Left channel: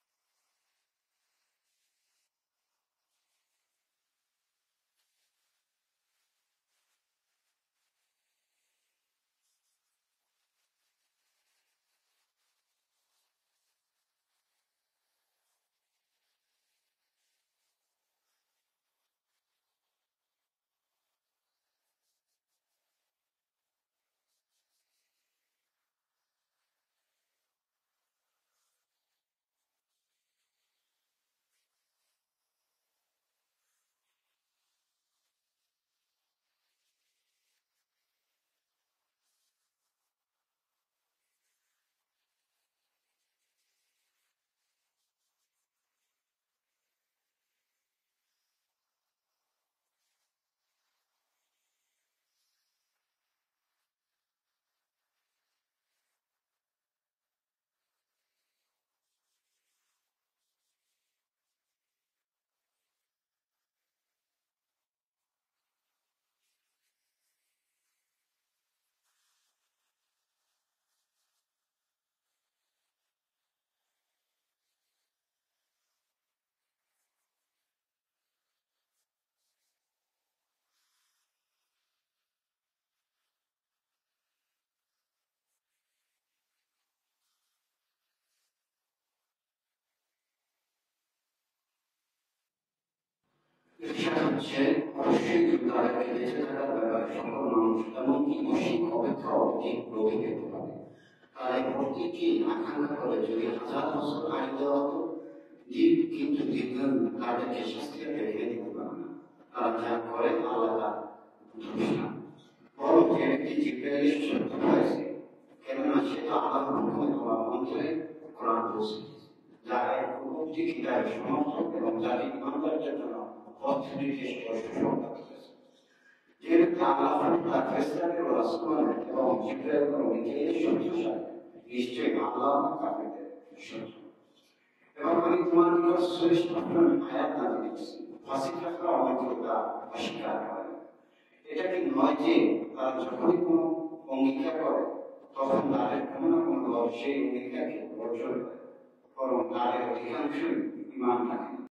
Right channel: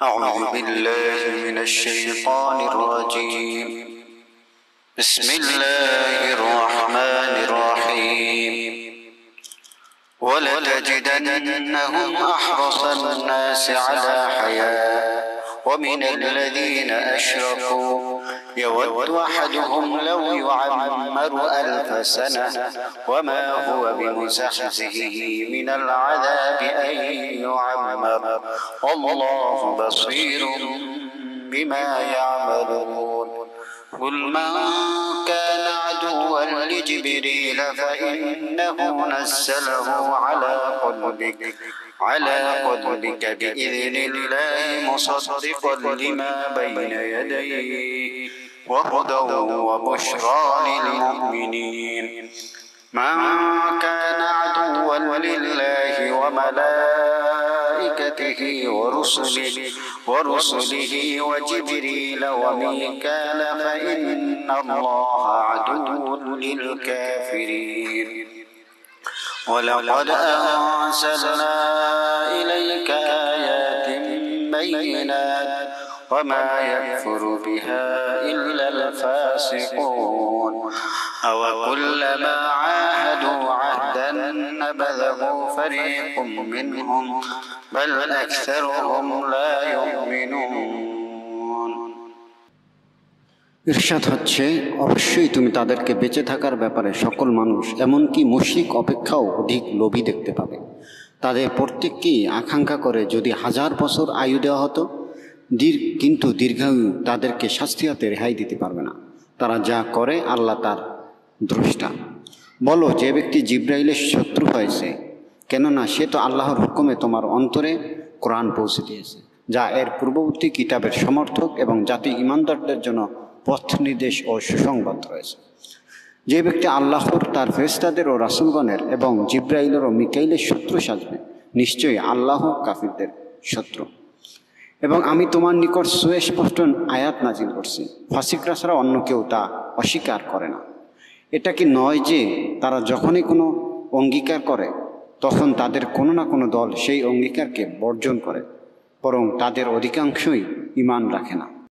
أعوذ بالله من الشيطان الرجيم. بسم الله الرحمن الرحيم. ولتجدنهم أحرص الناس على حياة ومن الذين أشركوا يود أحدهم لو يعمر 1000 سنة وما هو بمزحزحه من العذاب أن يعمر والله بصير بما يعملون. قل من كان عدوا لجبريل فإنه نزله على قلبك بإذن الله مصدقا لما بين يديه وهدى وبشرى للمؤمنين. من كان عدوا لله وملائكته ورسله وجبريل وميكال فإن الله عدو للكافرين. ولقد أنزلنا إليك آيات بينات وما يكفر بها إلا الفاسقون. أوكلما عاهدوا عهدا نبذه فريق منهم بل أكثرهم لا يؤمنون. ইরশাদ হচ্ছে, অবশ্যই তুমি তাদেরকে বেঁচে থাকার ব্যাপারে সকল মানুষ এমনকি মুশরিক অপেক্ষাও অধিক লোভী দেখতে পাবে। তাদের প্রত্যেককেই আকাঙ্ক্ষা করে যদি 1000 বছর আয়ু দেওয়া হতো, কিন্তু দীর্ঘায়ু তাদেরকে শাস্তি হতে রেহাই দিতে পারবে না। তারা যা করে আল্লাহ তার দ্রষ্টা। বলো, যে ব্যক্তি জিব্রাইলের শত্রু হয়েছে, কেননা সে তো আল্লাহর হুকুমে তোমার অন্তরে কোরআন পৌঁছে দিয়েছে, যা এর পূর্ববর্তী কিতাবের সমর্থক এবং জাতি ঈমানদারদের জন্য পথ নির্দেশ ও সুসংবাদ রয়েছে। যে ব্যক্তি আল্লাহর, তার ফেরেশতাদের ও রাসূলগণের এবং জিব্রাইলের ও মিকাইলের শত্রু সাজবে, নিশ্চয়ই আল্লাহ কাফিরদের শত্রু। এবং আমি তোমার নিকট সুস্পষ্ট আয়াত নাজিল করছি, ফাসিকরা ছাড়া অন্য কেউ তা অস্বীকার করে না। এটা কি নয় যে তারা যখনই কোনো অঙ্গীকার করে তখন তাদের কোনো না কোনো দল সেই অঙ্গীকারকে বর্জন করে, বরং তাদের অধিকাংশই ঈমান রাখে না।